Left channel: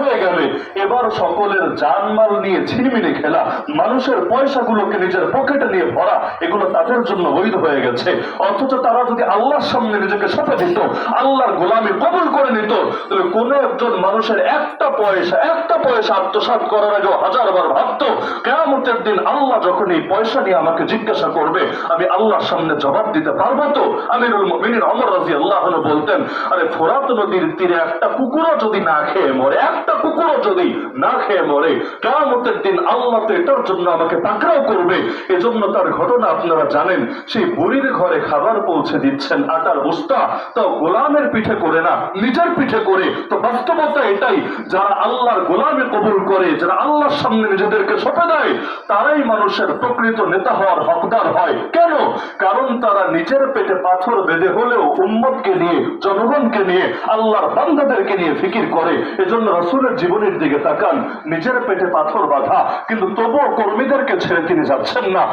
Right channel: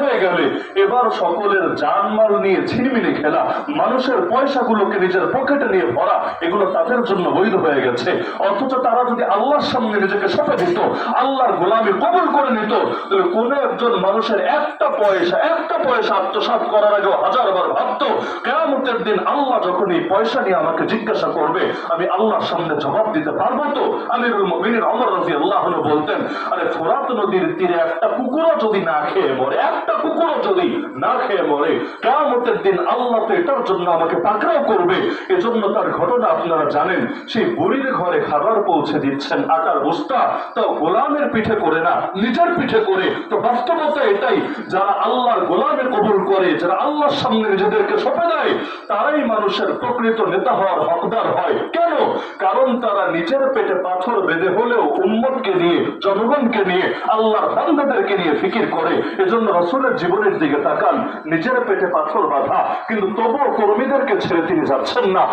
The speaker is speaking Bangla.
হয়ে গেলে এবার সকলের জানমাল নিয়ে ছিনিমিনি খেলা, মানুষের পয়সাগুলোকে নিজের পকেটে নিয়ে ভরা, এগুলো তাদের জন্য বৈধ হয়ে গেছে। অথচ তারা যদি আল্লাহর সামনে নিজেকে সঁপে দিত, আল্লাহর গোলামি কবুল করে নিত, তাহলে কোন একজন মানুষের একটা পয়সা আত্মসাৎ করার আগেও হাজারবার ভাবতো কিয়ামতের দিন আল্লাহ যখন এই পয়সা নিয়ে আমাকে জিজ্ঞাসা করবে, আমি আল্লাহর সামনে জবাব দিতে পারবো তো? আমিরুল মুমিনিন ওমর রাদিয়াল্লাহু আনহু বলতেন, আরে ফোরাত নদীর তীরে একটা কুকুরও যদি না খেয়ে মরে, একটা কুকুরও যদি না খেয়ে মরে, কিয়ামতের দিন আল্লাহ তো এটার জন্য আমাকে পাকড়াও করবে। এজন্য তার ঘটনা আপনারা জানেন। সেই বুড়ির ঘরে খাবার পৌঁছে দিচ্ছেন, আটার বস্তা, তাও গোলামের পিঠে করে না, নিজের পিঠে করে। তো বাস্তবতা এটাই, যারা আল্লাহর গোলামে কবুল করে, যারা আল্লাহর সামনে নিজেদেরকে সঁপে দেয়, তারাই মানুষের প্রকৃত নেতা হওয়ার হকদার হয়। কেন? কারণ তারা নিজের পেটে পাথর বেঁধে হলেও উম্মতকে নিয়ে, জনগণকে নিয়ে, আল্লাহর বান্দাদেরকে নিয়ে ফিকির করে। এজন্য রাসূলের জীবনের দিকে তাকান, নিজের পেটে পাথর বাঁধা, কিন্তু তবুও কর্মীদেরকে ছেড়ে তিনি যাচ্ছেন না।